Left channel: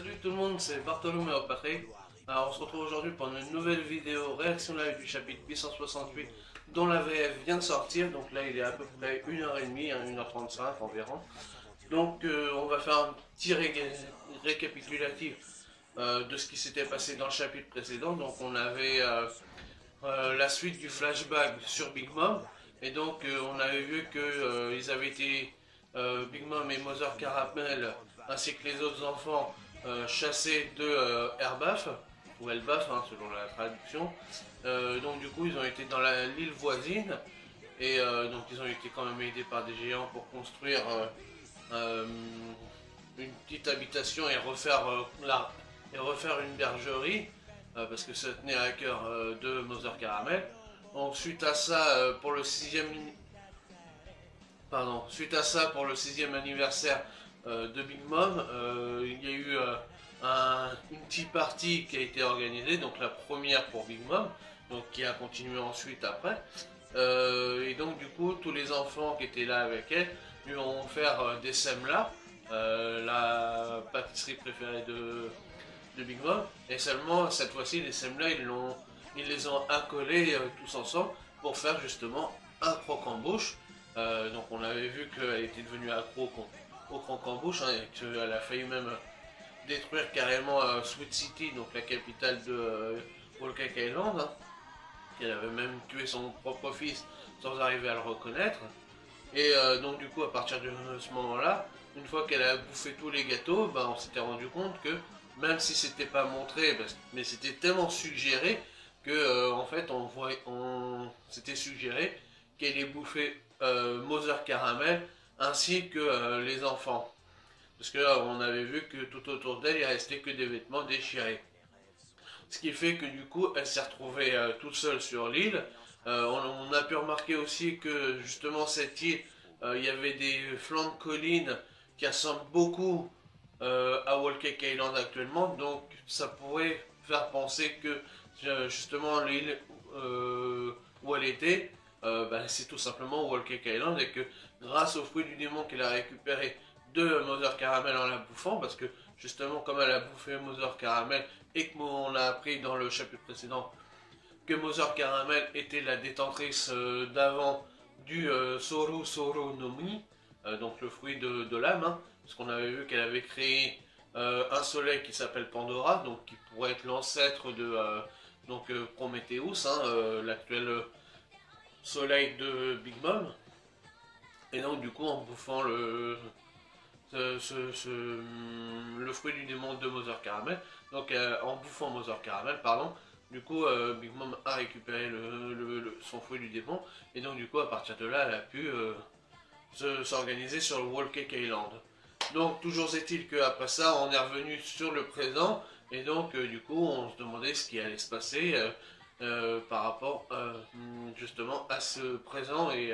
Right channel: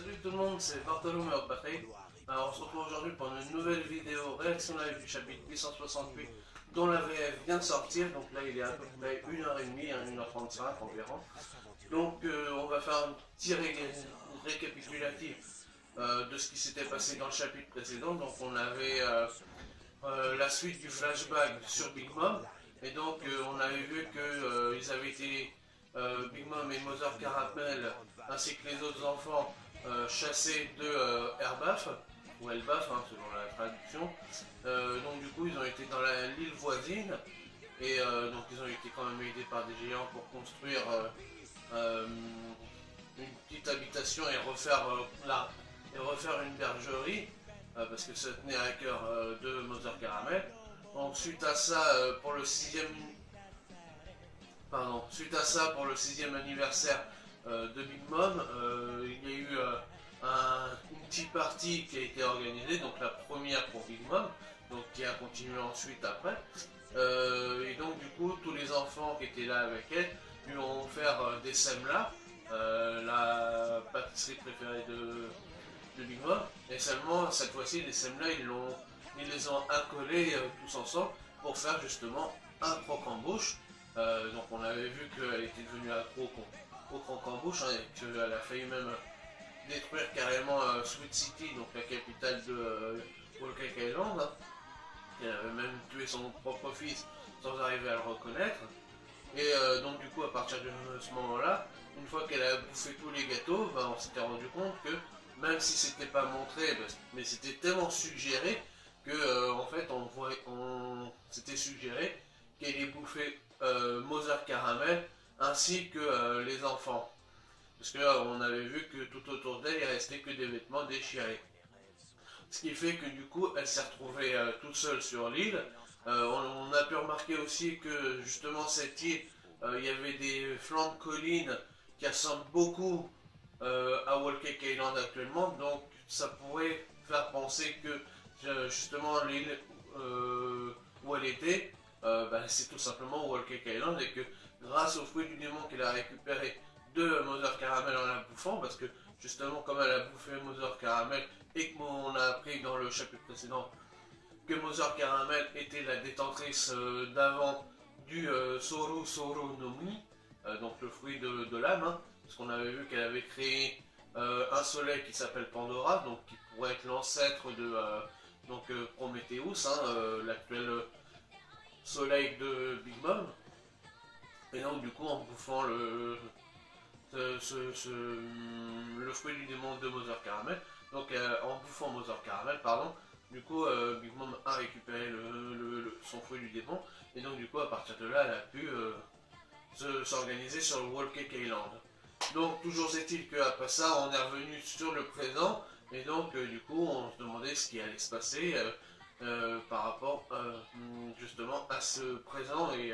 Salut tout le monde, c'est Bartholomew Patrick. Alors on se retrouve aujourd'hui pour une nouvelle vidéo réaction live du chapitre 868 dont la VF vient de sortir. Donc là il est à peu près 1h30, 1h35 environ. Donc on va faire un petit récapitulatif de ce qui s'était passé dans le chapitre précédent. Donc on avait la suite du flashback sur Big Mom. Et donc on avait vu que ils avaient été, Big Mom et Mother Caramel ainsi que les autres enfants, chassés de Elbaf, ou Elbaf hein, selon la traduction. Donc du coup ils ont été dans l'île voisine, et donc ils ont été quand même aidés par des géants pour construire une petite habitation et refaire, une bergerie, parce que ça tenait à cœur de Mother Caramel. Donc suite à ça, pour le pour le sixième anniversaire de Big Mom, il y a eu une tea party qui a été organisée, donc la première pour Big Mom, donc qui a continué ensuite après. Et donc du coup, tous les enfants qui étaient là avec elle lui ont offert des semlas, la pâtisserie préférée de Big Mom, et seulement cette fois-ci les semlas ils les ont accolés tous ensemble pour faire justement un croque-en-bouche. Donc on avait vu qu'elle était devenue accro au croque-en-bouche, hein, et qu'elle a failli même détruire carrément Sweet City, donc la capitale de Whole Cake Island, hein. Elle avait même tué son propre fils sans arriver à le reconnaître. Et donc du coup à partir de ce moment-là, une fois qu'elle a bouffé tous les gâteaux, ben, on s'était rendu compte que même si c'était pas montré, mais c'était tellement suggéré que en fait s'était suggéré qu'elle ait bouffé Mother Caramel ainsi que les enfants. Parce que là, on avait vu que tout autour d'elle, il restait que des vêtements déchirés. Ce qui fait que du coup, elle s'est retrouvée toute seule sur l'île. On a pu remarquer aussi que justement cette île, il y avait des flancs de collines qui ressemblent beaucoup à Whole Cake Island actuellement. Donc ça pourrait faire penser que justement l'île où elle était, c'est tout simplement Whole Cake Island, et que grâce au fruit du démon qu'elle a récupéré de Mother Caramel en la bouffant, parce que justement comme elle a bouffé Mother Caramel et qu'on a appris dans le chapitre précédent que Mother Caramel était la détentrice d'avant du Soru Soru no Mi, donc le fruit de l'âme, hein, parce qu'on avait vu qu'elle avait créé un soleil qui s'appelle Pandora, donc qui pourrait être l'ancêtre de Prometheus, hein, l'actuel soleil de Big Mom. Et donc du coup en bouffant le fruit du démon de Mother Caramel, donc en bouffant Mother Caramel, pardon, du coup Big Mom a récupéré son fruit du démon, et donc du coup à partir de là elle a pu s'organiser sur le Whole Cake Island. Donc toujours est-il qu'après ça on est revenu sur le présent, et donc du coup on se demandait ce qui allait se passer par rapport justement à ce présent et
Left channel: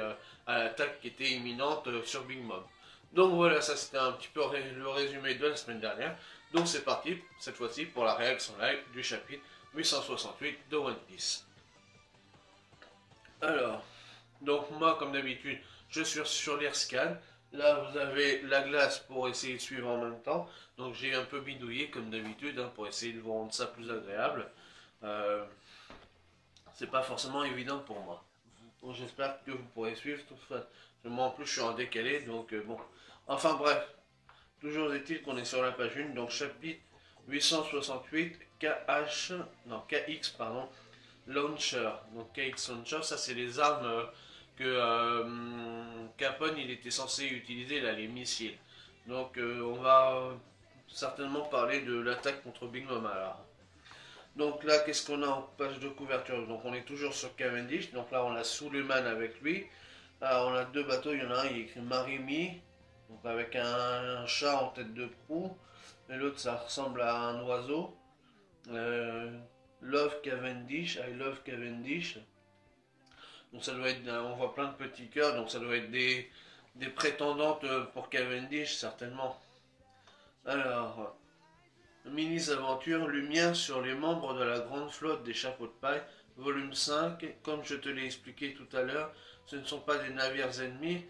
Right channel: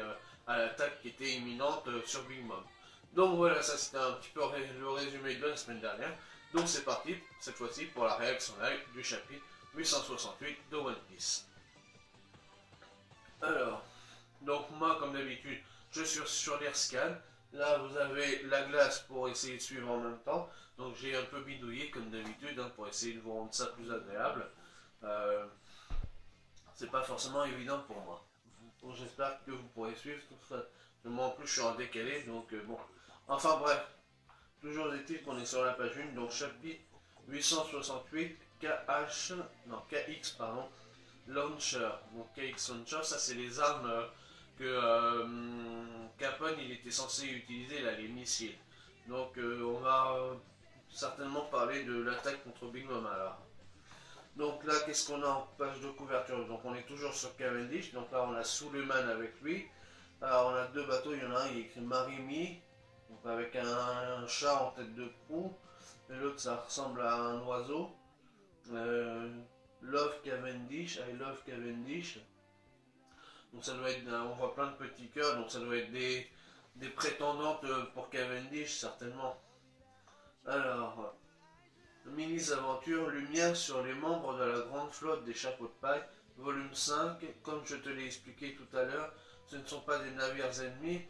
à l'attaque qui était imminente sur Big Mom. Donc voilà, ça c'était un petit peu le résumé de la semaine dernière. Donc c'est parti, cette fois-ci, pour la réaction live du chapitre 868 de One Piece. Alors, donc moi comme d'habitude, je suis sur l'Irscan. Là vous avez la glace pour essayer de suivre en même temps. Donc j'ai un peu bidouillé comme d'habitude, hein, pour essayer de vous rendre ça plus agréable. C'est pas forcément évident pour moi. Bon, j'espère que vous pourrez suivre. Moi en plus je suis en décalé, donc bon. Enfin bref, toujours est-il qu'on est sur la page 1, donc chapitre 868, KX, pardon, Launcher. Donc KX Launcher, ça c'est les armes que Capone il était censé utiliser, là, les missiles. Donc on va certainement parler de l'attaque contre Big Mom alors. Donc là, qu'est-ce qu'on a en page de couverture? Donc on est toujours sur Cavendish, donc là on a Suleiman avec lui. Alors on a deux bateaux, il y en a un, il est écrit Marimi, donc avec un chat en tête de proue, et l'autre ça ressemble à un oiseau. Love Cavendish, I love Cavendish. Donc ça doit être, on voit plein de petits cœurs, donc ça doit être des prétendantes pour Cavendish certainement. Alors, mini-aventure, lumière sur les membres de la grande flotte des chapeaux de paille, volume 5, comme je te l'ai expliqué tout à l'heure, ce ne sont pas des navires ennemis,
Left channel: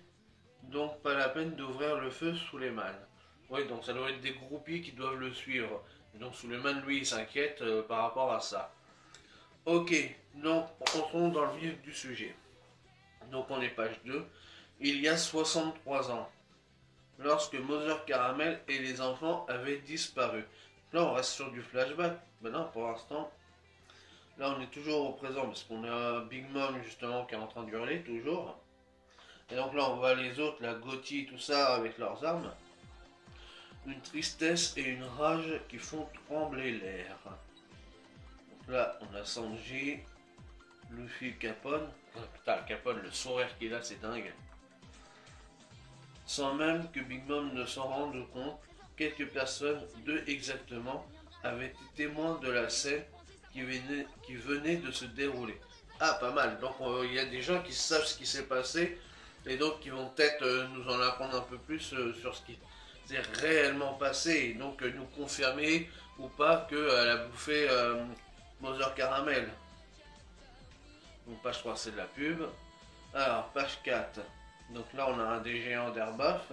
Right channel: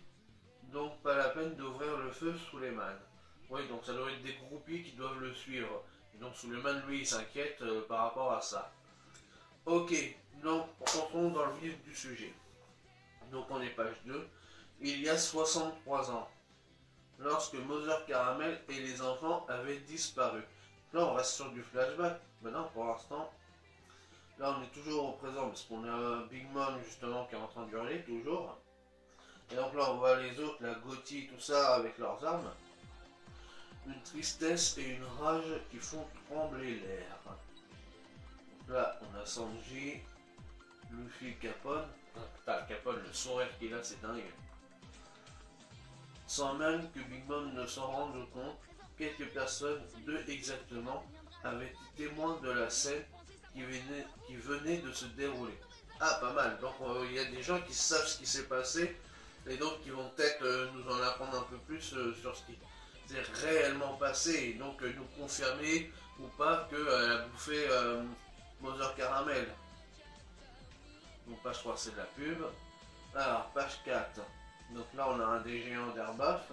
donc pas la peine d'ouvrir le feu sous les mânes. Oui, donc ça doit être des groupies qui doivent le suivre. Donc Suleiman, lui, il s'inquiète par rapport à ça. Ok, donc entrons dans le vif du sujet. Donc on est page 2. Il y a 63 ans, lorsque Mother Caramel et les enfants avaient disparu. Là on reste sur du flashback. Maintenant pour l'instant, là on est toujours au présent parce qu'on a Big Mom justement qui est en train de hurler toujours. Et donc là on voit les autres, la Gotti, tout ça avec leurs armes. Une tristesse et une rage qui font trembler l'air. Donc là on a Sanji, Luffy, Capone. Putain, Capone, le sourire qu'il a, c'est dingue. Sans même que Big Mom ne s'en rende compte, quelques personnes, deux exactement, avaient été témoins de la scène qui venait de se dérouler. Ah, pas mal. Donc il y a des gens qui savent ce qui s'est passé et donc qui vont peut-être nous en apprendre un peu plus sur ce qui s'est réellement passé et donc nous confirmer ou pas qu'elle a bouffé Mother Caramel. Donc page 3 c'est de la pub. Alors page 4. Donc là on a un des géants d'Airbaf.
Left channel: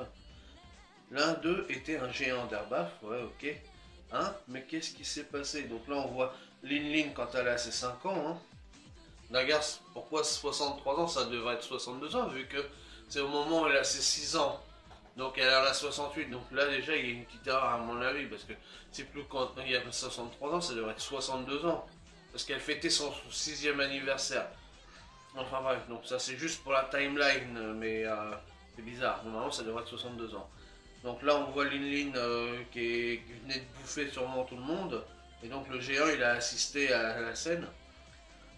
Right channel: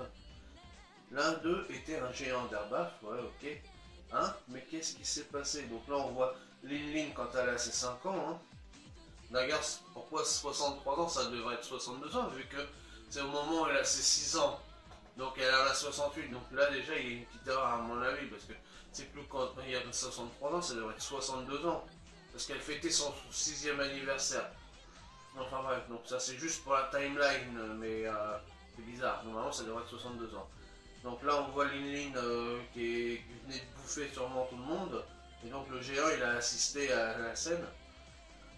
L'un d'eux était un géant d'Airbaf, ouais ok. Hein? Mais qu'est-ce qui s'est passé? Donc là on voit Lin Lin quand elle a ses 5 ans. Hein. Regarde, pourquoi 63 ans? Ça devrait être 62 ans vu que c'est au moment où elle a ses 6 ans. Donc elle en a 68. Donc là déjà il y a une petite erreur à mon avis parce que c'est plus quand il y a 63 ans, ça devrait être 62 ans. Parce qu'elle fêtait son 6e anniversaire. Enfin bref, donc ça c'est juste pour la timeline, mais c'est bizarre. Normalement ça devrait être 62 ans. Donc là on voit Lin Lin qui venait de bouffer sûrement tout le monde. Et donc le géant il a assisté à la scène.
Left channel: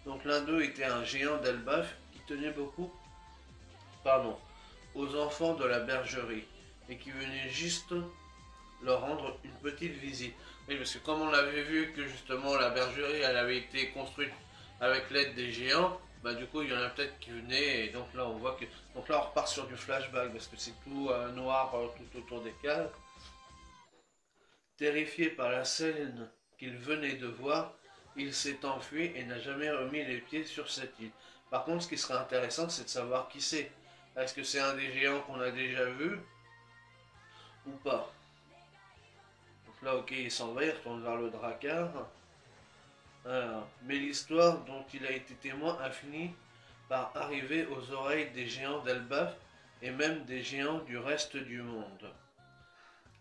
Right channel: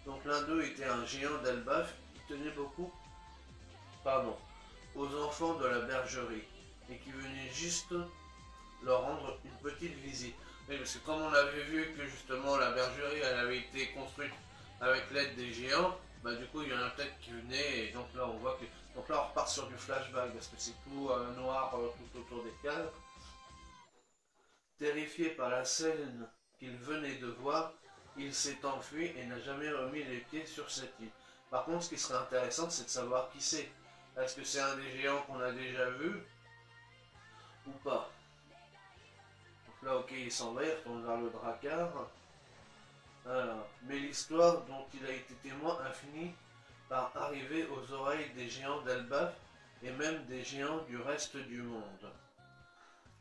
Donc l'un d'eux était un géant d'Elbaf qui tenait beaucoup pardon, aux enfants de la bergerie et qui venait juste leur rendre une petite visite. Oui, parce que comme on avait vu que justement la bergerie elle avait été construite avec l'aide des géants, bah du coup il y en a peut-être qui venaient et donc là on voit que donc là on repart sur du flashback parce que c'est tout noir tout autour des cases. Terrifié par la scène qu'il venait de voir, il s'est enfui et n'a jamais remis les pieds sur cette île. Par contre, ce qui serait intéressant, c'est de savoir qui c'est. Est-ce que c'est un des géants qu'on a déjà vu ou pas? Donc là, ok, il s'en va, il retourne vers le Drakkar. Mais l'histoire dont il a été témoin a fini par arriver aux oreilles des géants d'Elbaf et même des géants du reste du monde.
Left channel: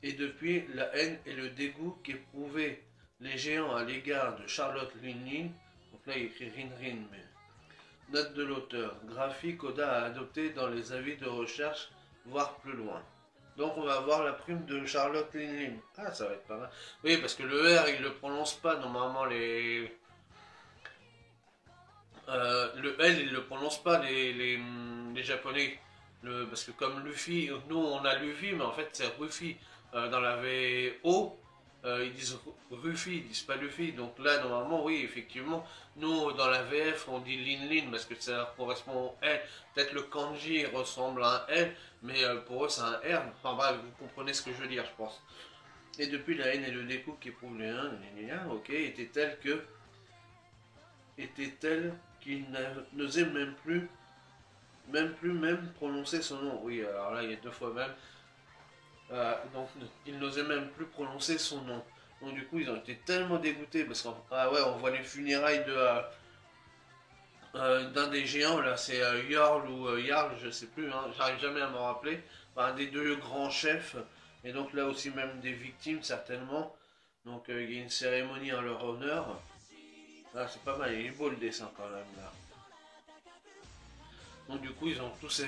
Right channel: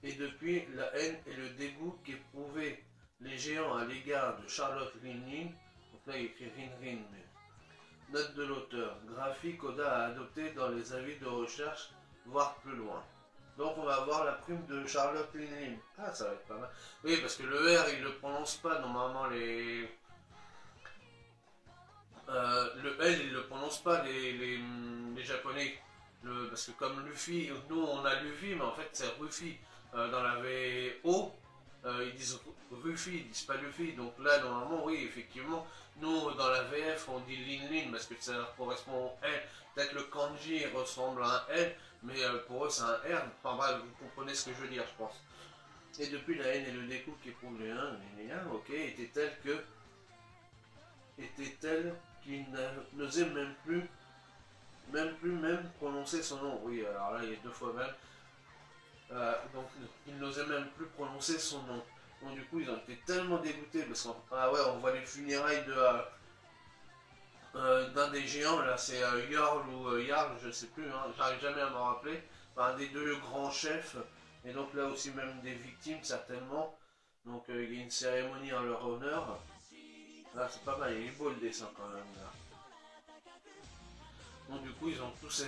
Et depuis, la haine et le dégoût qu'éprouvaient les géants à l'égard de Charlotte Linlin, donc là il écrit Rin Rin, mais note de l'auteur, graphique Oda a adopté dans les avis de recherche, voire plus loin. Donc on va avoir la prime de Charlotte Linlin. Ah, ça va être pas mal. Oui, parce que le R, il le prononce pas normalement les... le L, il le prononce pas les japonais. Parce que comme Luffy, nous on a Luffy, mais en fait c'est Ruffy. Dans la VO, ils disent Ruffy, ils disent pas Luffy. Donc là, normalement, oui, effectivement, nous, dans la VF, on dit Lin Lin parce que ça correspond au L. Peut-être le kanji ressemble à un L, mais pour eux, c'est un R. Enfin bref, vous comprenez ce que je veux dire, je pense. Et depuis, la haine et le découp qui éprouvent les uns, ok, était telle qu'il n'osait même prononcer son nom. Oui, alors là, il y a deux fois même. Donc il n'osait même plus prononcer son nom. Donc du coup ils ont été tellement dégoûtés parce qu'on ouais, on voit les funérailles d'un des géants là, c'est Jarl ou Jarl, je sais plus, hein, j'arrive jamais à m'en rappeler, un des deux grands chefs, et donc là aussi même des victimes certainement. Donc il y a une cérémonie en leur honneur. Ah, c'est pas mal, il est beau le dessin quand même là. Donc du coup ils ont tous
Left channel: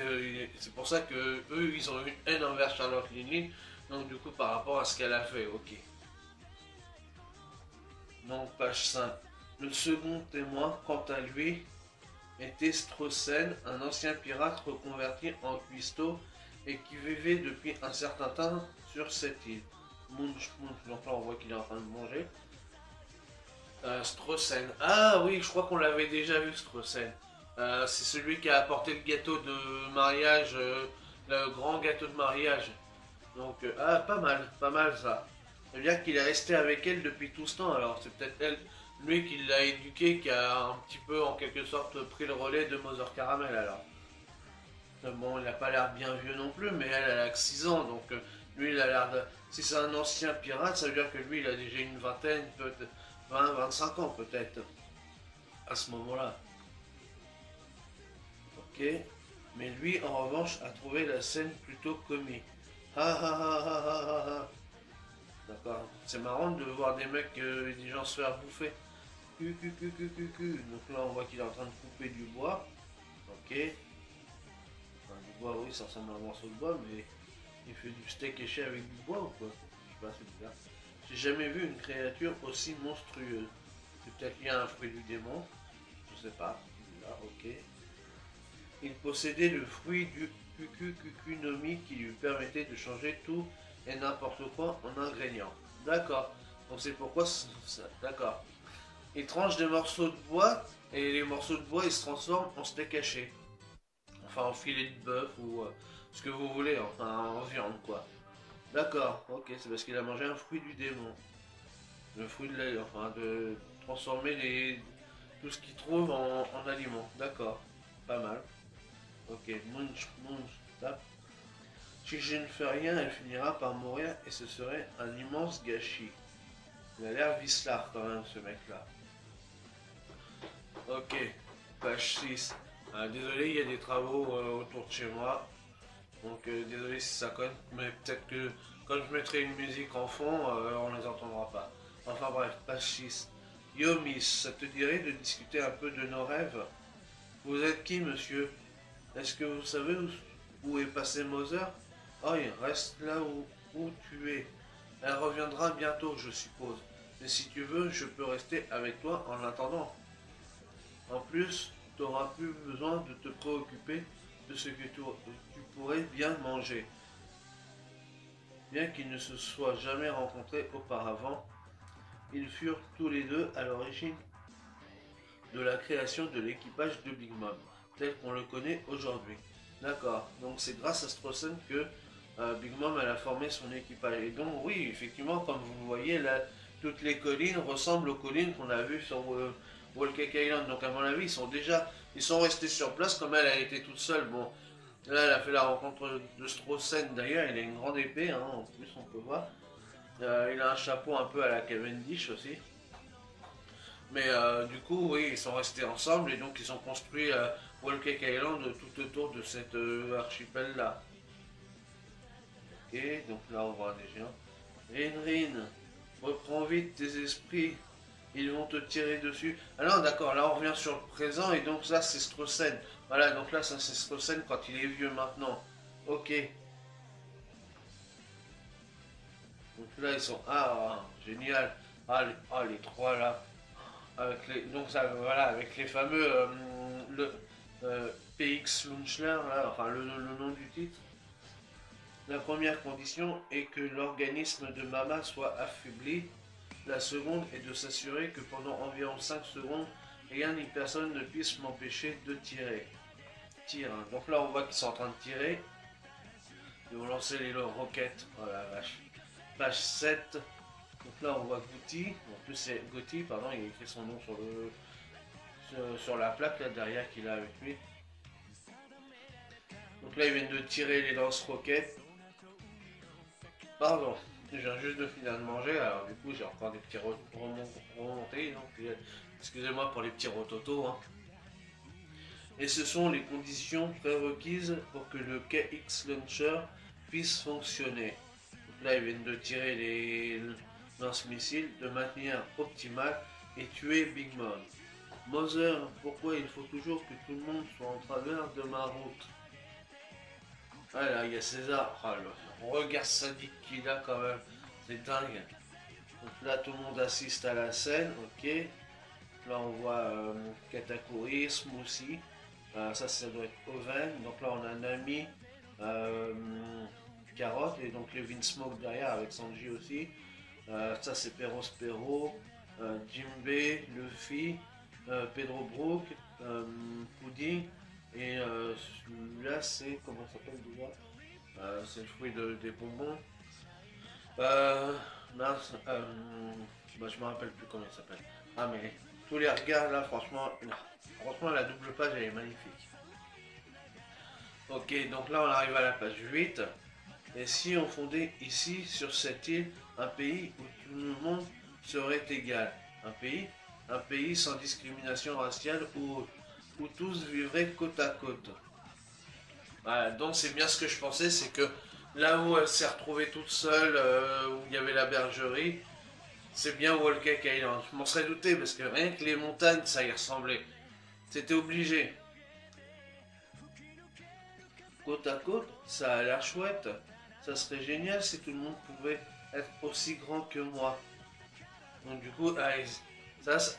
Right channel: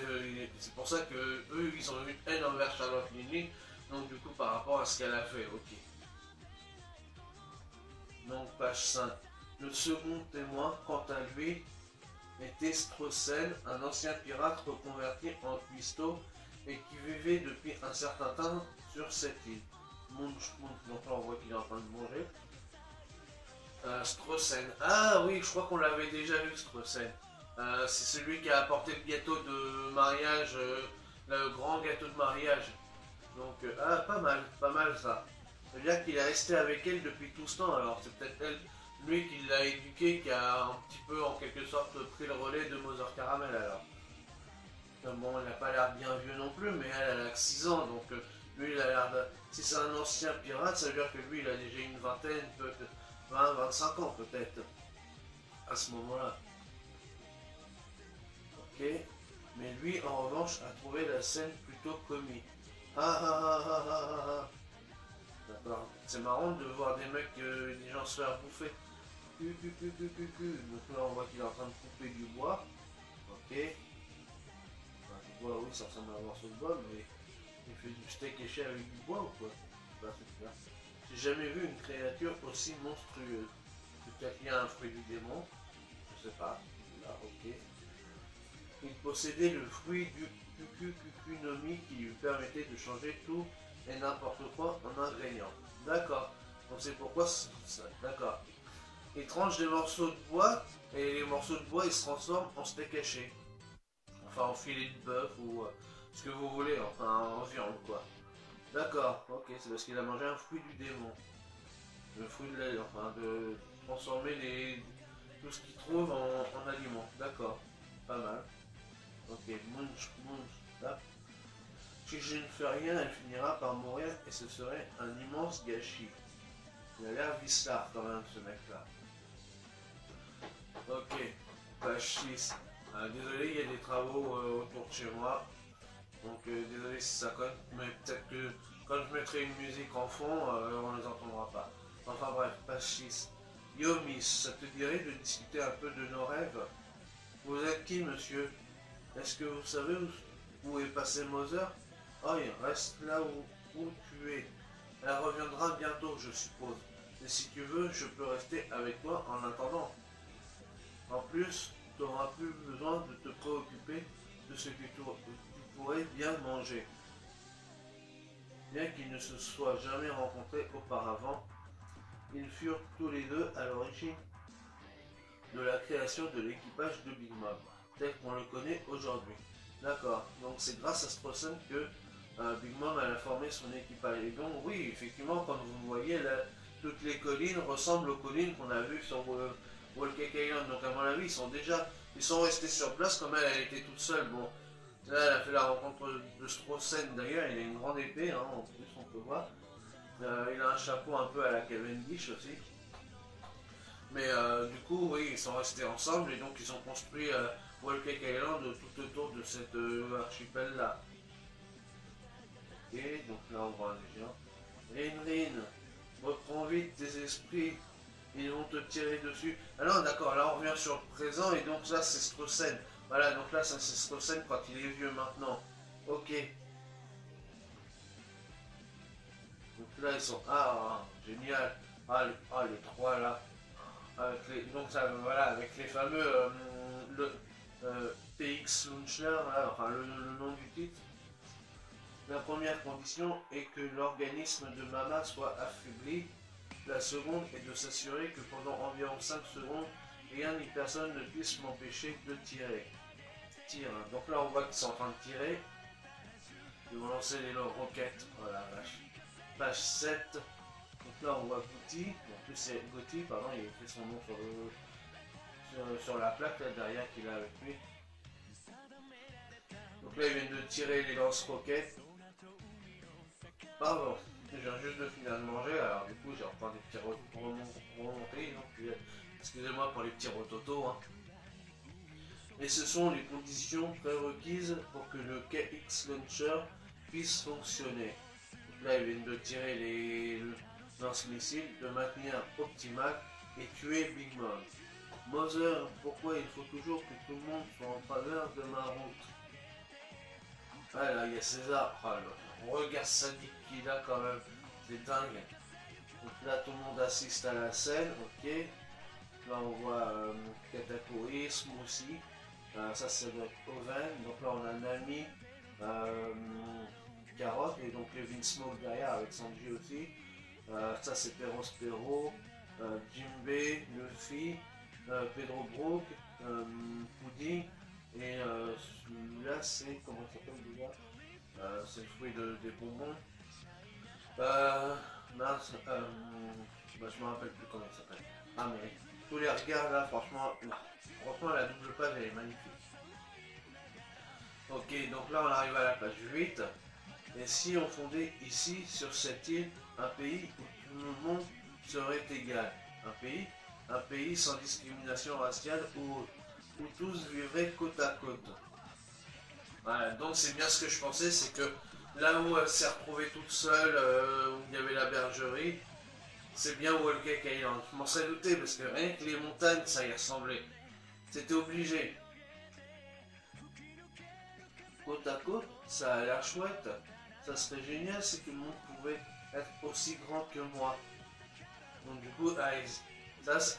c'est pour ça que eux ils ont une haine envers Charlotte Linlin. Donc du coup par rapport à ce qu'elle a fait, ok. Donc page 5. Le second témoin, quant à lui, était Strossen, un ancien pirate reconverti en cuistot et qui vivait depuis un certain temps sur cette île. Munch, donc là on voit qu'il est en train de manger. Strossen. Ah oui, je crois qu'on l'avait déjà vu Strossen. C'est celui qui a apporté le gâteau de mariage, le grand gâteau de mariage. Donc, ah, pas mal ça. Ça veut dire qu'il est resté avec elle depuis tout ce temps, alors c'est peut-être elle, lui qui l'a éduqué, qui a un petit peu en quelque sorte pris le relais de Mother Caramel alors. Bon, il n'a pas l'air bien vieux non plus, mais elle a que 6 ans, donc Lui, il a l'air de... Si c'est un ancien pirate, ça veut dire que lui, il a déjà une vingtaine, peut-être 20, 25 ans, peut-être, à ce moment-là. Ok. Mais lui, en revanche, a trouvé la scène plutôt comique. Ah ah ah ah ah ah ah. D'accord. C'est marrant de voir des mecs, des gens se faire bouffer. Donc là, on voit qu'il est en train de couper du bois. Ok. Enfin, du bois, oui, ça ressemble à un morceau de bois, mais il fait du steak haché avec du bois ou quoi? Je sais pas, c'est bizarre. J'ai jamais vu une créature aussi monstrueuse. C'est peut-être lié à un fruit du démon. Je sais pas. Là, ok. Il possédait le fruit du Kukunomi qui lui permettait de changer tout et n'importe quoi en ingrédients. D'accord. Donc c'est pourquoi ça. D'accord. Il tranche des morceaux de bois et les morceaux de bois ils se transforment en steak haché. Enfin en filet de bœuf ou ce que vous voulez, enfin en viande quoi. D'accord, ok, c'est parce qu'il a mangé un fruit du démon. Le fruit de l'air, enfin de transformer tout ce qu'il trouve en aliment. D'accord, pas mal. Ok, munch, munch, tape. Si je ne fais rien, elle finira par mourir et ce serait un immense gâchis. Il a l'air vicelard quand même ce mec là. Ok, page 6. Désolé, il y a des travaux autour de chez moi. Donc désolé si ça conne, mais peut-être que quand je mettrai une musique en fond, on ne les entendra pas. Enfin bref, page 6. Yo Miss, ça te dirait de discuter un peu de nos rêves? Vous êtes qui, monsieur? Est-ce que vous savez où est passé Mother? Oh, il reste là où tu es. Elle reviendra bientôt, je suppose. Mais si tu veux, je peux rester avec toi en attendant. En plus, tu n'auras plus besoin de te préoccuper de ce que tu pourrais bien manger. Bien qu'ils ne se soient jamais rencontrés auparavant, ils furent tous les deux à l'origine de la création de l'équipage de Big Mom, tel qu'on le connaît aujourd'hui. D'accord, donc c'est grâce à Strossen que Big Mom a formé son équipage. Et donc oui, effectivement, comme vous voyez, là, toutes les collines ressemblent aux collines qu'on a vues sur Wall-Cake Island. Donc à mon avis, ils sont restés sur place comme elle était toute seule. Bon, là, elle a fait la rencontre de Strossen d'ailleurs, il a une grande épée, hein, en plus on peut voir. Il a un chapeau un peu à la Cavendish aussi. Mais du coup, oui, ils sont restés ensemble et donc ils ont construit Wall-Cake Island tout autour de cet archipel-là. Ok, donc là on voit des géants. Rin, reprends vite tes esprits, ils vont te tirer dessus. Ah non, d'accord, là on revient sur le présent et donc là c'est Strossen. Voilà, donc là ça c'est Strossen quand il est vieux maintenant. Ok. Donc là ils sont... Ah, génial. Les trois là. Donc ça, voilà, avec les fameux... le, PX Launcher, là, enfin le nom du titre. La première condition est que l'organisme de Mama soit affaibli. La seconde est de s'assurer que pendant environ 5 secondes, rien ni personne ne puisse m'empêcher de tirer. Tire. Donc là, on voit qu'ils sont en train de tirer. Ils vont lancer les roquettes. Voilà, page 7. Donc là, on voit Gouti. En plus, c'est Gouti, pardon, il a écrit son nom sur la plaque là derrière qu'il a avec lui. Donc là, ils viennent de tirer les lance-roquettes. Pardon, je viens juste de finir de manger, alors du coup je reprends des petits remontés, donc excusez-moi pour les petits rototos. Hein. Et ce sont les conditions prérequises pour que le KX Launcher puisse fonctionner. Donc là ils viennent de tirer les lance-missiles de manière optimale et tuer Big Mom. Mother, pourquoi il faut toujours que tout le monde soit en travers de ma route? Voilà, il y a César. Oh, le regard sadique qu'il a quand même. C'est dingue. Donc là, tout le monde assiste à la scène. Ok. Là, on voit Cataclysme aussi. Ça doit être Oven. Donc là, on a Nami, Carotte et donc Levin Smoke derrière avec Sanji aussi. Ça, c'est Perospero, Jinbei, Luffy, Pedro Brook, Pudding. Et celui-là, c'est. Comment ça s'appelle déjà? C'est le fruit des bonbons. Non, je me rappelle plus comment il s'appelle. Ah, mais tous les regards là, franchement, la double page elle est magnifique. Ok, donc là on arrive à la page 8. Et si on fondait ici, sur cette île, un pays où tout le monde serait égal, un pays sans discrimination raciale où tous vivraient côte à côte. Voilà, donc c'est bien ce que je pensais, c'est que là où elle s'est retrouvée toute seule, où il y avait la bergerie, c'est bien Wallcake Island. Je m'en serais douté parce que rien que les montagnes, ça y ressemblait. C'était obligé. Côte à côte, ça a l'air chouette. Ça serait génial si tout le monde pouvait être aussi grand que moi. Donc du coup,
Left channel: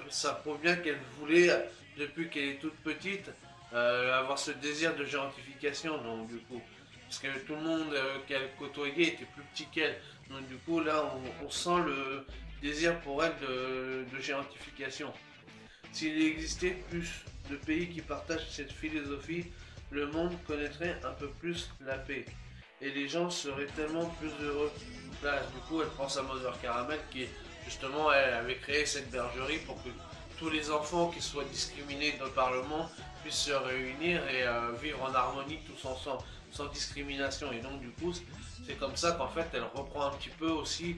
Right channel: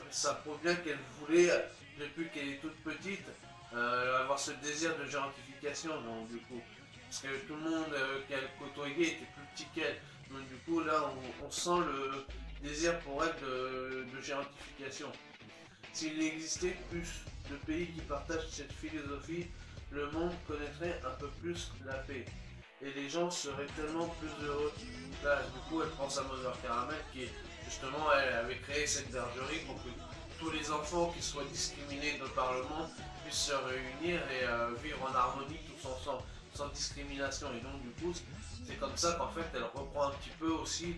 ça prouve bien qu'elle voulait, depuis qu'elle est toute petite, avoir ce désir de géantification. Donc du coup, parce que tout le monde qu'elle côtoyait était plus petit qu'elle. Donc du coup, là, on sent le désir pour elle de géantification. S'il existait plus de pays qui partagent cette philosophie, le monde connaîtrait un peu plus la paix. Et les gens seraient tellement plus heureux. Là, du coup, elle pense à Mother Caramel qui, justement, elle avait créé cette bergerie pour que tous les enfants qui soient discriminés par le monde puissent se réunir et vivre en harmonie tous ensemble, sans discrimination. Et donc, du coup, c'est comme ça qu'en fait, elle reprend un petit peu aussi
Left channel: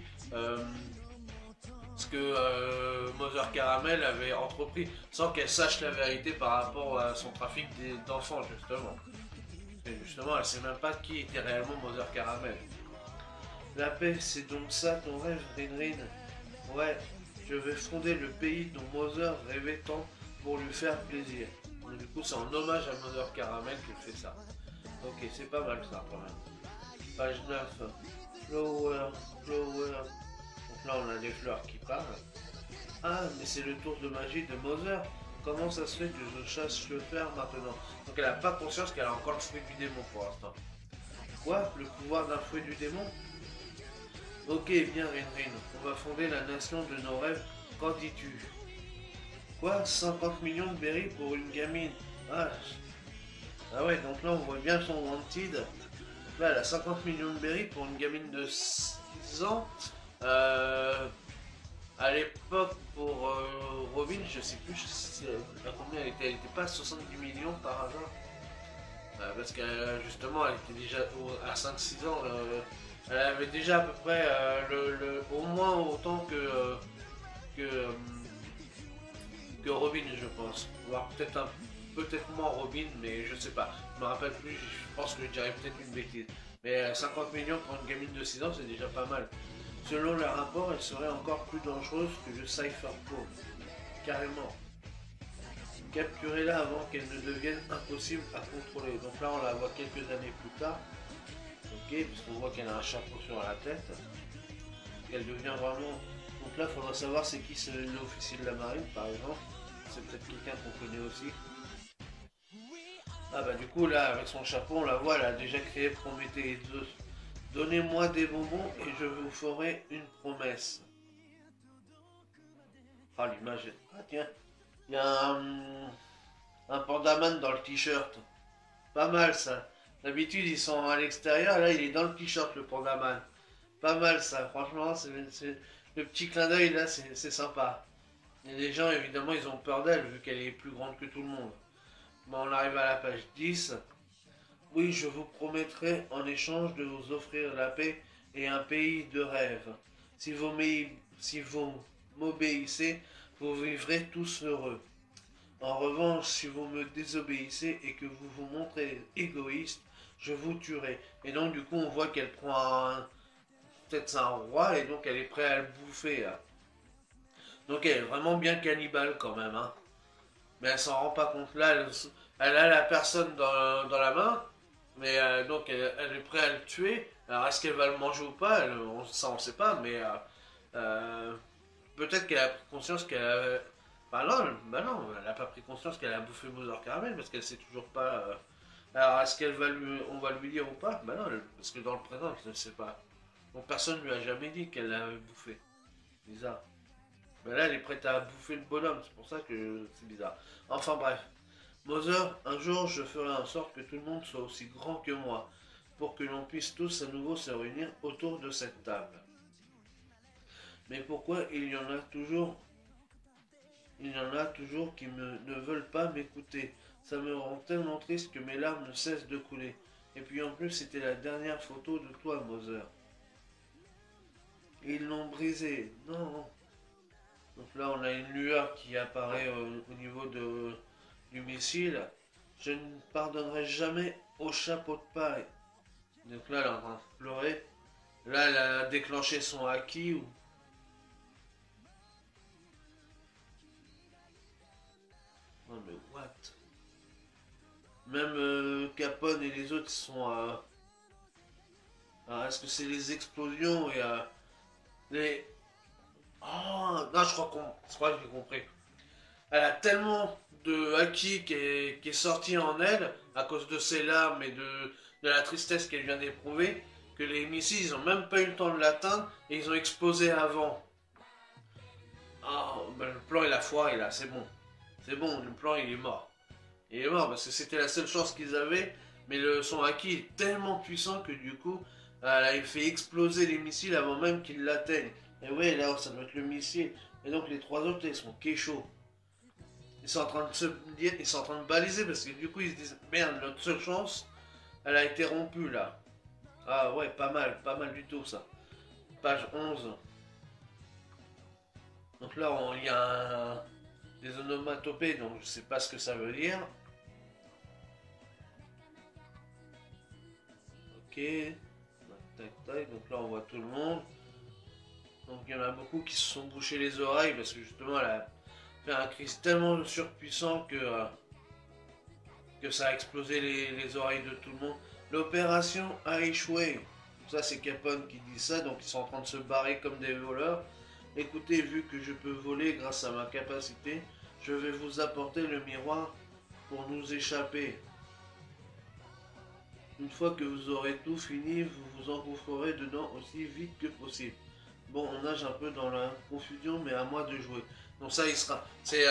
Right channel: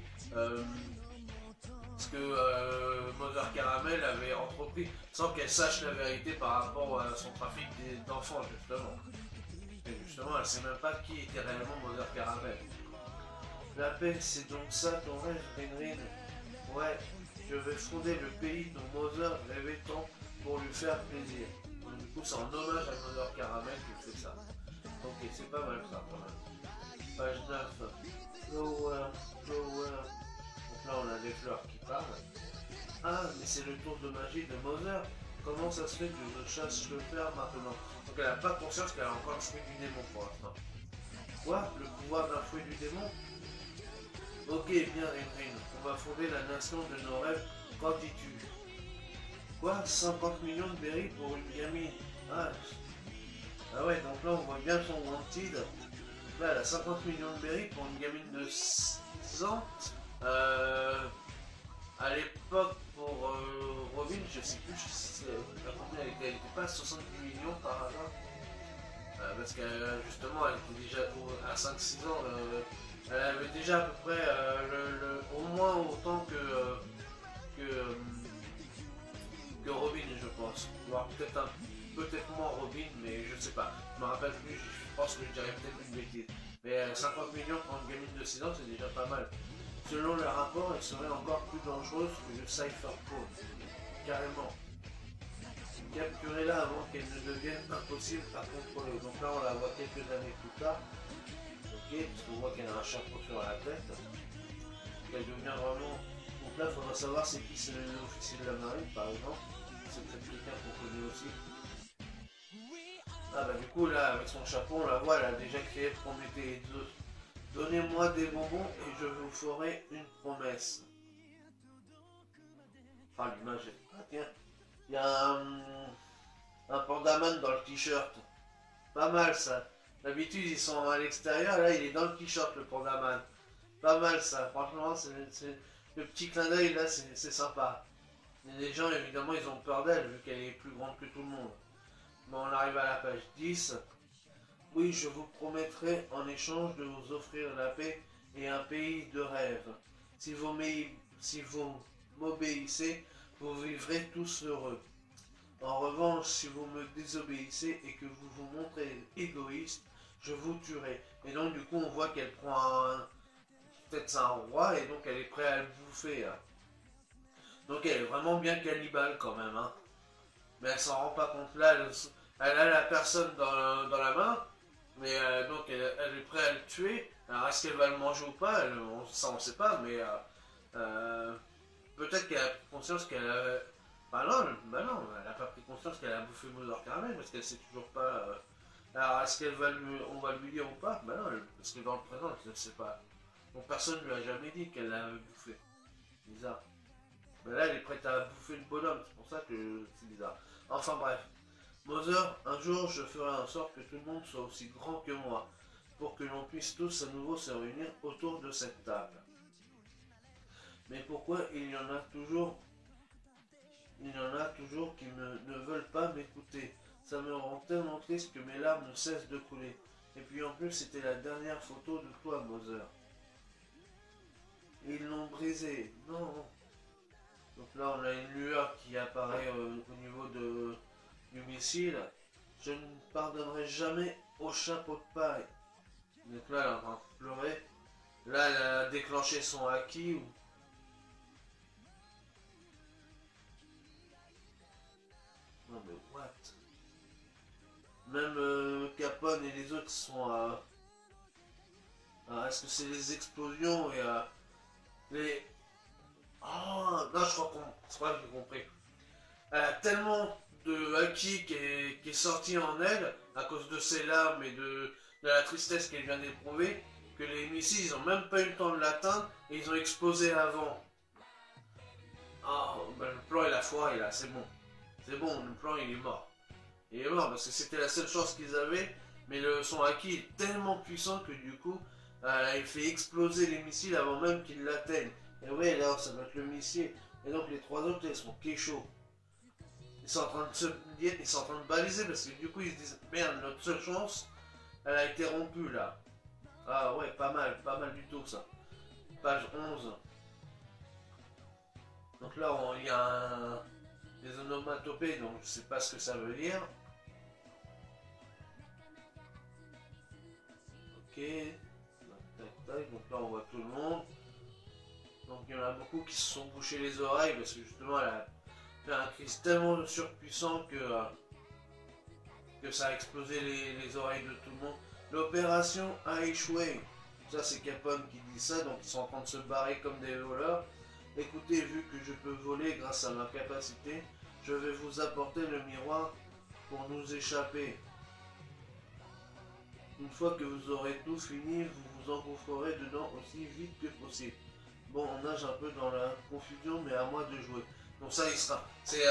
ce que Mother Caramel avait entrepris, sans qu'elle sache la vérité par rapport à son trafic d'enfants, justement. Et justement, elle ne sait même pas qui était réellement Mother Caramel. La paix, c'est donc ça ton rêve, Rin. Ouais, je vais fonder le pays dont Mother rêvait tant pour lui faire plaisir. Donc, du coup, c'est en hommage à Mother Caramel qu'il fait ça. Ok, c'est pas mal ça, quand même. Page 9. Flower, flower. Donc là, on a des fleurs qui parlent. Ah, mais c'est le tour de magie de Mother. Comment ça se fait que je chasse le fer maintenant? Donc elle n'a pas conscience qu'elle a encore le fruit du démon pour l'instant. Quoi? Le pouvoir d'un fruit du démon? Ok, bien Rin. On va fonder la nation de nos rêves. Qu'en dis-tu? Quoi? 50 millions de berries pour une gamine? Ah, ah ouais, donc là on voit bien son wanted. Là, elle a 50 millions de berries pour une gamine de 6 ans. À l'époque, pour Robin, je sais plus à combien elle était pas à 70 millions par hasard. Parce que justement, elle était déjà à 5-6 ans, elle avait déjà à peu près au moins autant que, euh, que Robin, je pense. Voire peut-être moins Robin, mais je sais pas. Je me rappelle plus, je pense que je dirais peut-être une bêtise. Mais 50 millions pour une gamine de 6 ans, c'est déjà pas mal. Selon le rapport, elle serait encore plus dangereuse que le Cypher Code. Carrément. Capturez-la avant qu'elle ne devienne impossible à contrôler. Donc là, on la voit quelques années plus tard. Ok, parce qu'on voit qu'elle a un chapeau sur la tête. Qu'elle devient vraiment... Donc là, il faudra savoir c'est qui c'est l'officier de la marine, par exemple. C'est peut-être quelqu'un qu'on connaît aussi. Ah bah du coup, là, avec son chapeau, on la voit, elle a déjà créé Prométhée et Zeus. Donnez-moi des bonbons et je vous ferai une promesse. Ah, l'image est... Ah tiens, il y a un pandaman dans le t-shirt. Pas mal ça. D'habitude ils sont à l'extérieur, là il est dans le t-shirt le pandaman. Pas mal ça, franchement, le petit clin d'œil là, c'est sympa. Et les gens évidemment ils ont peur d'elle vu qu'elle est plus grande que tout le monde. Bon, on arrive à la page 10. Oui, je vous promettrai en échange de vous offrir la paix et un pays de rêve. Si vous m'obéissez, vous vivrez tous heureux. En revanche, si vous me désobéissez et que vous vous montrez égoïste, je vous tuerai. Et donc du coup, on voit qu'elle prend peut-être c'est un roi et donc elle est prête à le bouffer. Là. Donc elle est vraiment bien cannibale quand même. Hein. Mais elle s'en rend pas compte. Là, elle a la personne dans la main, mais donc elle est prête à le tuer. Alors est-ce qu'elle va le manger ou pas? Ça on sait pas, mais euh, peut-être qu'elle a pris conscience qu'elle a... bah non, elle n'a pas pris conscience qu'elle a bouffé Mother Caramel parce qu'elle sait toujours pas. Alors est-ce qu'elle va on va lui dire ou pas? Bah non, parce que dans le présent, elle ne sait pas. Donc personne ne lui a jamais dit qu'elle l'avait bouffé. Bizarre. Mais là, elle est prête à bouffer le bonhomme, c'est pour ça que c'est bizarre. Enfin bref. Mother, un jour, je ferai en sorte que tout le monde soit aussi grand que moi, pour que l'on puisse tous à nouveau se réunir autour de cette table. Mais pourquoi il y en a toujours qui ne veulent pas m'écouter. Ça me rend tellement triste que mes larmes ne cessent de couler. Et puis en plus, c'était la dernière photo de toi, Mother. Ils l'ont brisé. Non. Donc là, on a une lueur qui apparaît au niveau du missile. Je ne pardonnerai jamais au chapeau de paille. Donc là, elle est en train de pleurer. Là, elle a déclenché son haki. Non mais what? Même Capone et les autres sont à... Est-ce que c'est les explosions et les... Oh, non, je crois que j'ai compris. Elle a tellement de haki qui est sorti en elle, à cause de ses larmes et de la tristesse qu'elle vient d'éprouver, que les missiles, ils ont même pas eu le temps de l'atteindre et ils ont explosé avant. Oh, ben le plan il a foiré là, c'est bon. C'est bon, le plan il est mort. Il est mort parce que c'était la seule chance qu'ils avaient, mais son haki est tellement puissant que du coup, il fait exploser les missiles avant même qu'ils l'atteignent. Et ouais, là, ça doit être le missile. Et donc les trois autres, ils sont kéchos. Ils sont en train de se dire, ils sont en train de baliser parce que du coup, ils se disent, merde, notre seule chance, elle a été rompue là. Ah ouais, pas mal du tout ça. Page 11. Donc là, il y a des onomatopées, donc je sais pas ce que ça veut dire. Ok. Tac, tac. Donc là, on voit tout le monde. Donc il y en a beaucoup qui se sont bouchés les oreilles parce que justement, elle a fait un cri tellement surpuissant que ça a explosé les oreilles de tout le monde. L'opération a échoué. Ça, c'est Capone qui dit ça, donc ils sont en train de se barrer comme des voleurs. Écoutez, vu que je peux voler grâce à ma capacité, je vais vous apporter le miroir pour nous échapper. Une fois que vous aurez tout fini, vous vous engouffrerez dedans aussi vite que possible. Bon, on nage un peu dans la confusion, mais à moi de jouer. Donc ça, c'est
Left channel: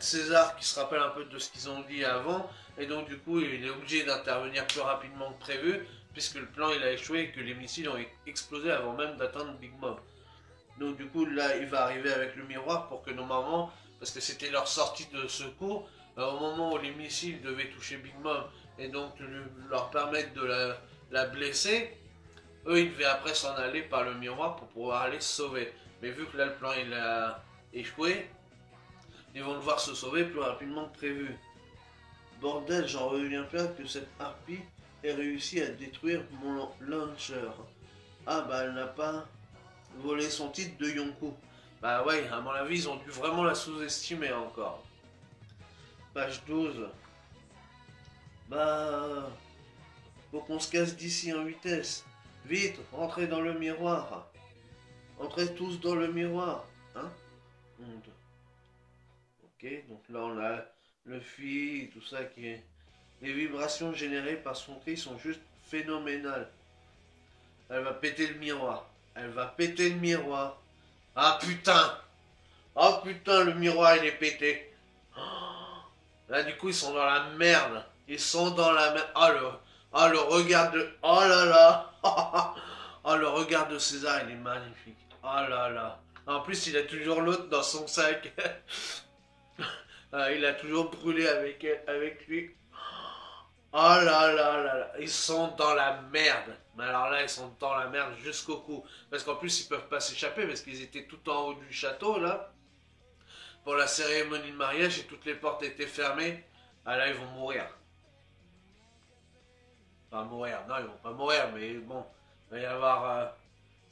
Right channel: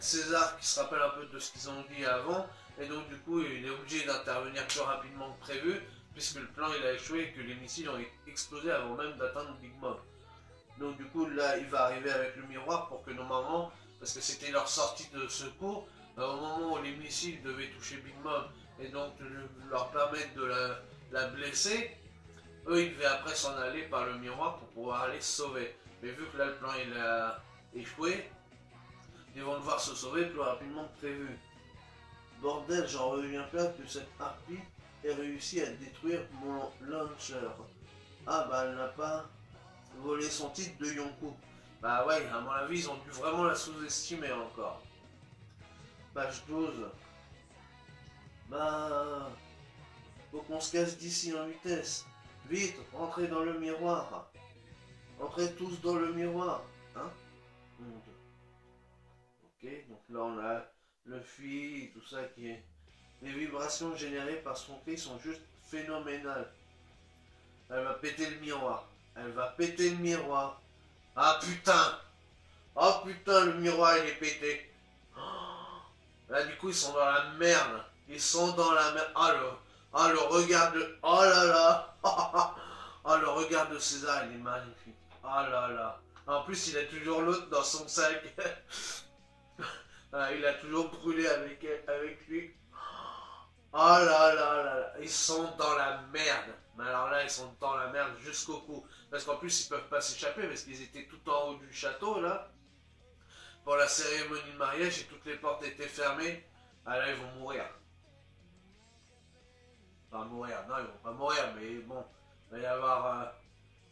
César qui se rappelle un peu de ce qu'ils ont dit avant, et donc du coup, il est obligé d'intervenir plus rapidement que prévu, puisque le plan il a échoué et que les missiles ont explosé avant même d'atteindre Big Mom. Donc du coup, là, il va arriver avec le miroir pour que normalement, parce que c'était leur sortie de secours, au moment où les missiles devaient toucher Big Mom et donc leur permettre de la blesser, eux, ils devaient après s'en aller par le miroir pour pouvoir aller se sauver. Mais vu que là, le plan il a échoué, ils vont devoir se sauver plus rapidement que prévu. Bordel, j'en reviens pas que cette harpie ait réussi à détruire mon launcher. Ah bah elle n'a pas volé son titre de Yonkou. Bah ouais, à mon avis, ils ont dû vraiment la sous-estimer encore. Page 12. Bah... Faut qu'on se casse d'ici en vitesse. Vite, entrez dans le miroir. Entrez tous dans le miroir. Hein? Ok, donc là on a le fil, tout ça qui est... Les vibrations générées par son cri sont juste phénoménales. Elle va péter le miroir. Elle va péter le miroir. Ah putain! Oh putain, le miroir il est pété. Là du coup ils sont dans la merde. Ils sont dans la merde. Oh le regard de... Oh là là. Oh le regard de César il est magnifique. Oh là là. En plus il a toujours l'autre dans son sac. Il a toujours brûlé avec lui. Oh là là là là. Ils sont dans la merde. Mais alors là ils sont dans la merde jusqu'au cou. Parce qu'en plus ils peuvent pas s'échapper parce qu'ils étaient tout en haut du château là. Pour la cérémonie de mariage et toutes les portes étaient fermées. Ah là ils vont mourir. Enfin mourir, non ils vont pas mourir mais bon. Il va y avoir...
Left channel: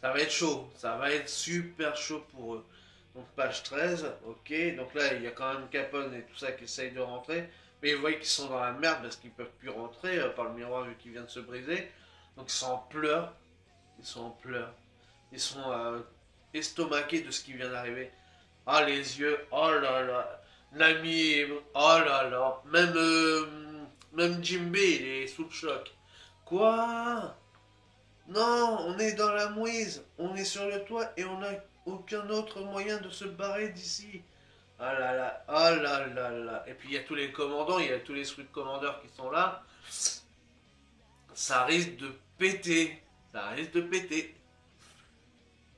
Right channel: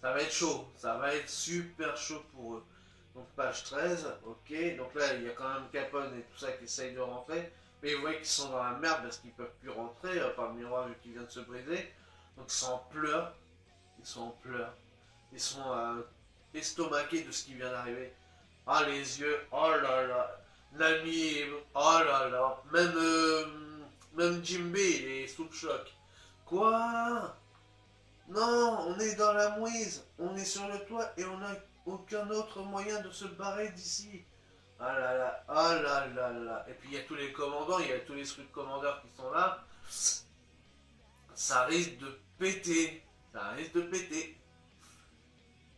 ça va être chaud. Ça va être super chaud pour eux. Donc page 13, ok. Donc là il y a quand même Capone et tout ça qui essayent de rentrer. Mais vous voyez qu'ils sont dans la merde parce qu'ils peuvent plus rentrer par le miroir vu qu'il vient de se briser. Donc ils sont en pleurs. Ils sont en pleurs. Ils sont estomaqués de ce qui vient d'arriver. Ah les yeux, oh là là. Nami, oh là là. Même Jimbe il est sous le choc. Quoi? Non, on est dans la mouise. On est sur le toit et on n'a aucun autre moyen de se barrer d'ici. Ah là là, ah là là là. Et puis il y a tous les commandants, il y a tous les sous commandeurs qui sont là. Ça risque de péter. Ça risque de péter.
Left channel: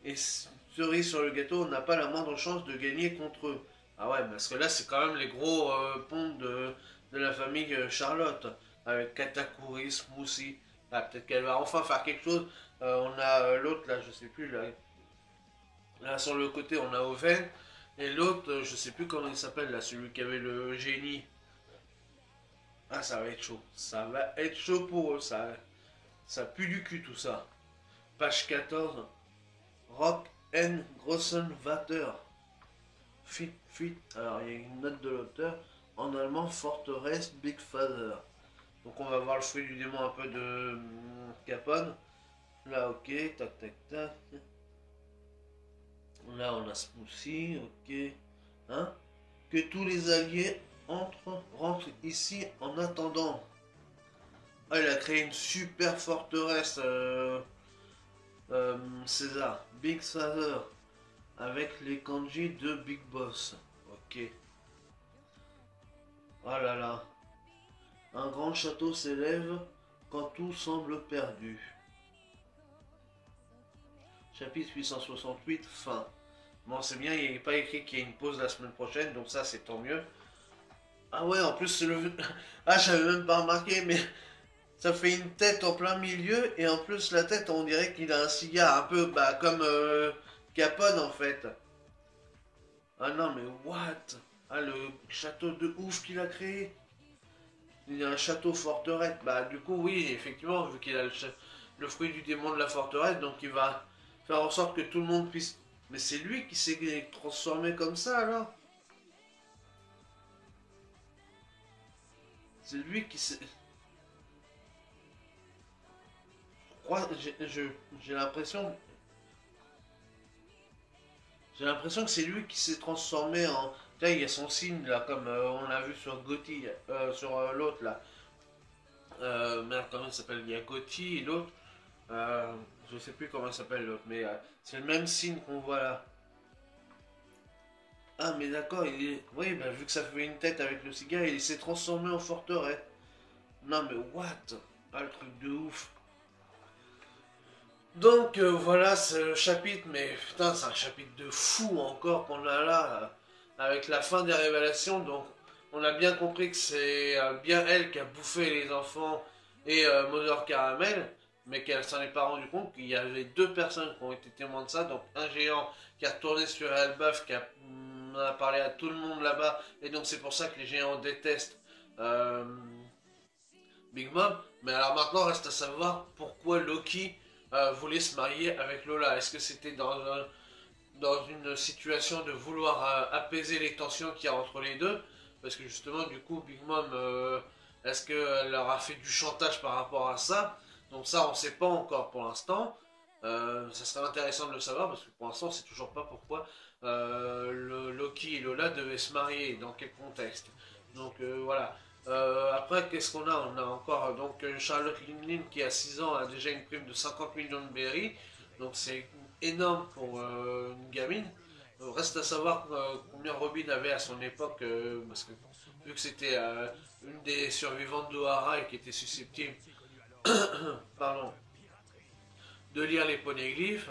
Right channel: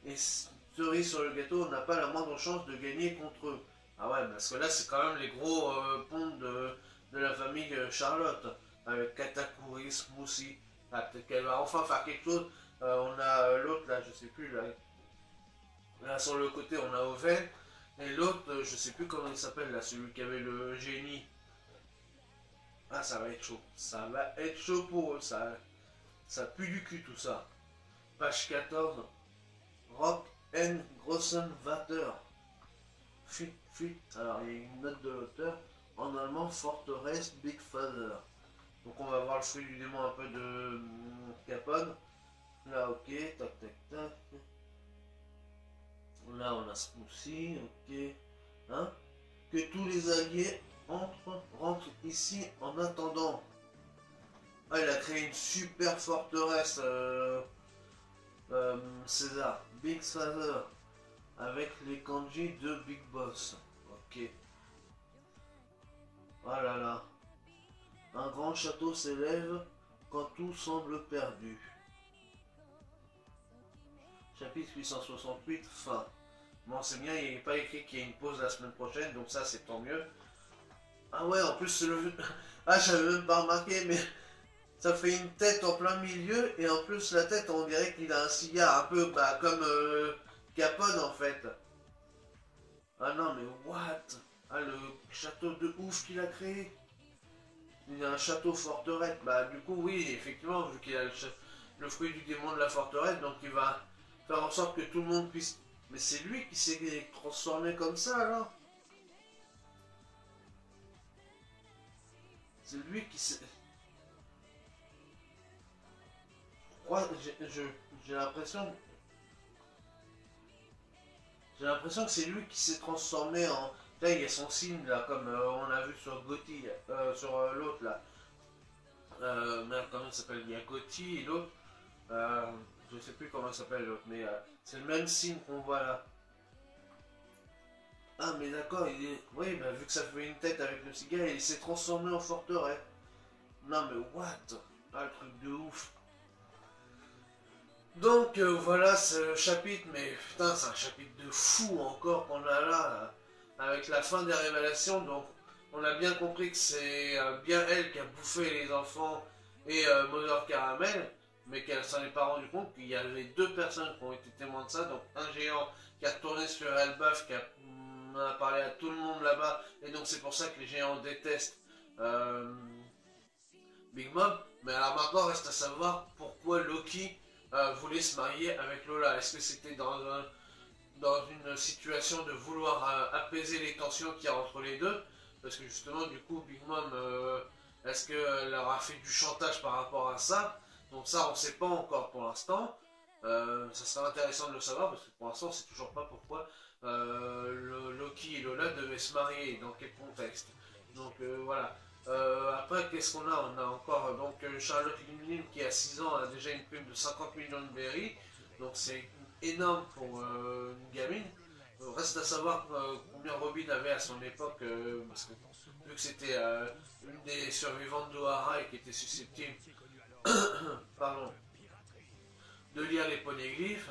Et cerise sur le gâteau, on n'a pas la moindre chance de gagner contre eux. Ah ouais, parce que là, c'est quand même les gros ponts de la famille Charlotte. Avec Katakuri, Smoothie. Ah, peut-être qu'elle va enfin faire quelque chose. On a l'autre là, je sais plus, là sur le côté on a Oven. Et l'autre, je sais plus comment il s'appelle là, celui qui avait le génie. Ah, ça va être chaud. Ça va être chaud pour eux, ça pue du cul tout ça. Page 14. Rock N. Grossenwater. Fit. Alors, il y a une note de l'auteur. En allemand, Forteresse Big Father. Donc, on va voir le fruit du démon un peu de Capone. Là, ok. Tac, tac, tac. Là, on a Smoothie. Ok. Hein? Que tous les alliés rentrent ici en attendant. Ah, il a créé une super forteresse, César. Big Father. Avec les kanji de Big Boss. Ok. Oh là là. Un grand château s'élève quand tout semble perdu. Chapitre 868, fin. Bon, c'est bien, il n'est pas écrit qu'il y a une pause la semaine prochaine, donc ça, c'est tant mieux. Ah ouais, en plus, c'est le... Ah, j'avais même pas remarqué, mais ça fait une tête en plein milieu, et en plus, la tête, on dirait qu'il a un cigare, un peu bah, comme Capone, en fait. Ah non, mais what? Ah, le château de ouf qu'il a créé. Il a un château forteresse. Bah, du coup, oui, effectivement, vu qu'il a le fruit du démon de la forteresse, donc il va faire en sorte que tout le monde puisse... Mais c'est lui qui s'est transformé comme ça, alors? C'est lui qui s'est... J'ai l'impression... J'ai l'impression que c'est lui qui s'est transformé en... Là, il y a son signe, là, comme on l'a vu sur Gotti, sur l'autre, là. Merde, comment il s'appelle? Il y a Gotti et l'autre. Je sais plus comment il s'appelle l'autre, mais c'est le même signe qu'on voit là. Ah, mais d'accord, il est... Oui, bah, vu que ça fait une tête avec le cigare, il s'est transformé en forteresse. Non, mais what? Ah, le truc de ouf. Donc, voilà, c'est le chapitre, mais putain, c'est un chapitre de fou encore qu'on a là, avec la fin des révélations. Donc, on a bien compris que c'est bien elle qui a bouffé les enfants et Mother Caramel, mais qu'elle s'en est pas rendu compte qu'il y avait deux personnes qui ont été témoins de ça. Donc, un géant qui a tourné sur Elbaf, qui a parlé à tout le monde là-bas, et donc c'est pour ça que les géants détestent euh, Big Mom. Mais alors maintenant, reste à savoir pourquoi Loki voulait se marier avec Lola. Est-ce que c'était dans une situation de vouloir apaiser les tensions qu'il y a entre les deux? Parce que justement, du coup, Big Mom, est-ce qu'elle leur a fait du chantage par rapport à ça? Donc ça, on ne sait pas encore pour l'instant. Ça serait intéressant de le savoir, parce que pour l'instant, on ne sait toujours pas pourquoi Loki et Lola devaient se marier, et dans quel contexte. Donc voilà. Après, qu'est-ce qu'on a? On a encore donc Charlotte Linlin qui a 6 ans a déjà une prime de 50 millions de berries. Donc c'est énorme pour une gamine. Reste à savoir combien Robin avait à son époque, parce que vu que c'était une des survivantes d'Ohara et qui était susceptible pardon, de lire les poneglyphes,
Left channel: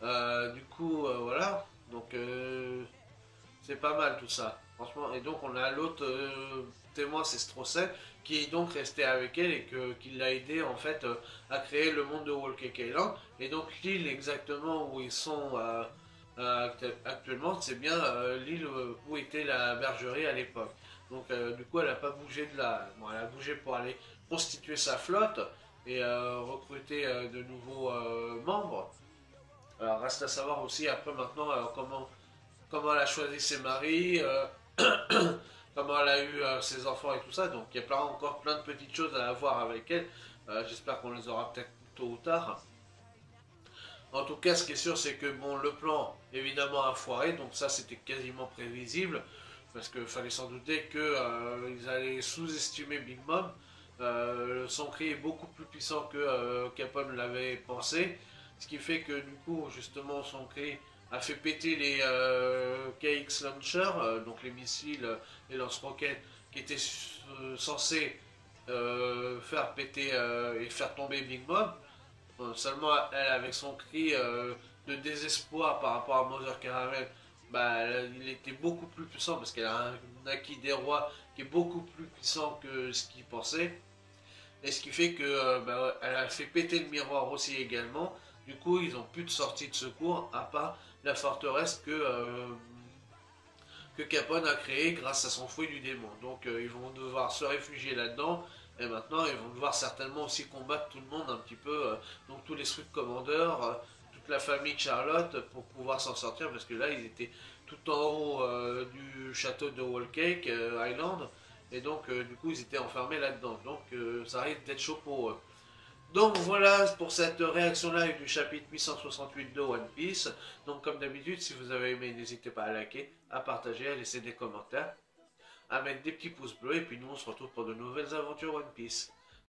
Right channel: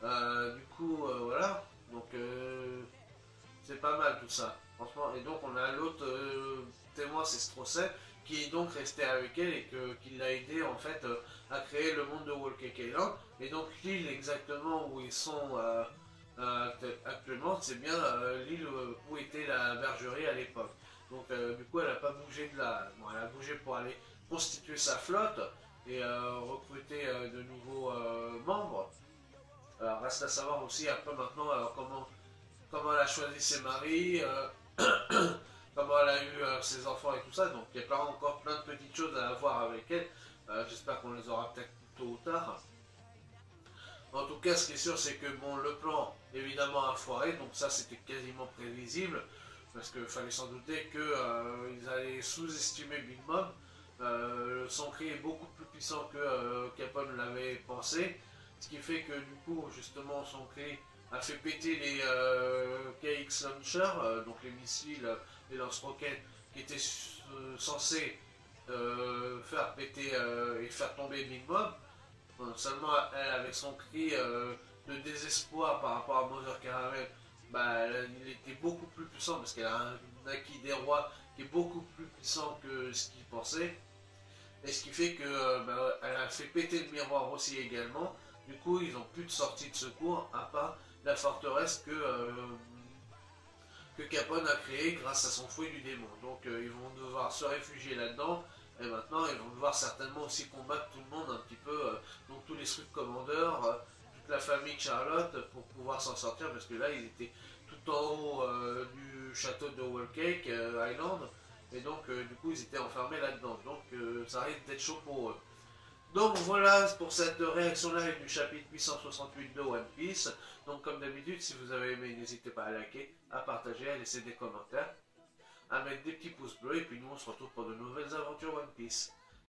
du coup voilà, donc c'est pas mal tout ça, franchement. Et donc on a l'autre témoin, c'est Strosset, qui est donc resté avec elle et qui l'a aidé en fait à créer le monde de Walker. Et donc l'île exactement où ils sont actuellement, c'est bien l'île où était la bergerie à l'époque. Donc du coup elle n'a pas bougé de là. Bon, elle a bougé pour aller constituer sa flotte et recruter de nouveaux membres. Alors reste à savoir aussi après maintenant alors, comment elle a choisi ses maris, comment elle a eu ses enfants et tout ça. Donc il y a encore plein de petites choses à voir avec elle. J'espère qu'on les aura peut-être tôt ou tard. En tout cas, ce qui est sûr, c'est que bon, le plan évidemment a foiré, donc ça c'était quasiment prévisible, parce qu'il fallait s'en douter qu'ils allaient sous-estimer Big Mom. Son cri est beaucoup plus puissant que Capone l'avait pensé, ce qui fait que du coup, justement, son cri a fait péter les KX Launcher, donc les missiles, les lance-roquettes qui étaient censés faire péter et faire tomber Big Mom. Seulement, elle, avec son cri de désespoir par rapport à Mother Caramel, bah, il était beaucoup plus puissant parce qu'elle a un acquis des rois qui est beaucoup plus puissant que ce qu'il pensait. Et ce qui fait que elle a fait péter le miroir aussi également. Du coup, ils n'ont plus de sortie de secours à part la forteresse que Capone a créée grâce à son fouet du démon. Donc ils vont devoir se réfugier là-dedans. Et maintenant, ils vont devoir certainement aussi combattre tout le monde un petit peu, donc tous les Swift Commanders, toute la famille de Charlotte, pour pouvoir s'en sortir, parce que là, ils étaient tout en haut du château de Wallcake Island, et donc du coup, ils étaient enfermés là-dedans. Donc ça risque d'être chaud pour eux. Donc voilà pour cette réaction live du chapitre 868 de One Piece. Donc comme d'habitude, si vous avez aimé, n'hésitez pas à liker, à partager, à laisser des commentaires, à mettre des petits pouces bleus, et puis nous on se retrouve pour de nouvelles aventures One Piece.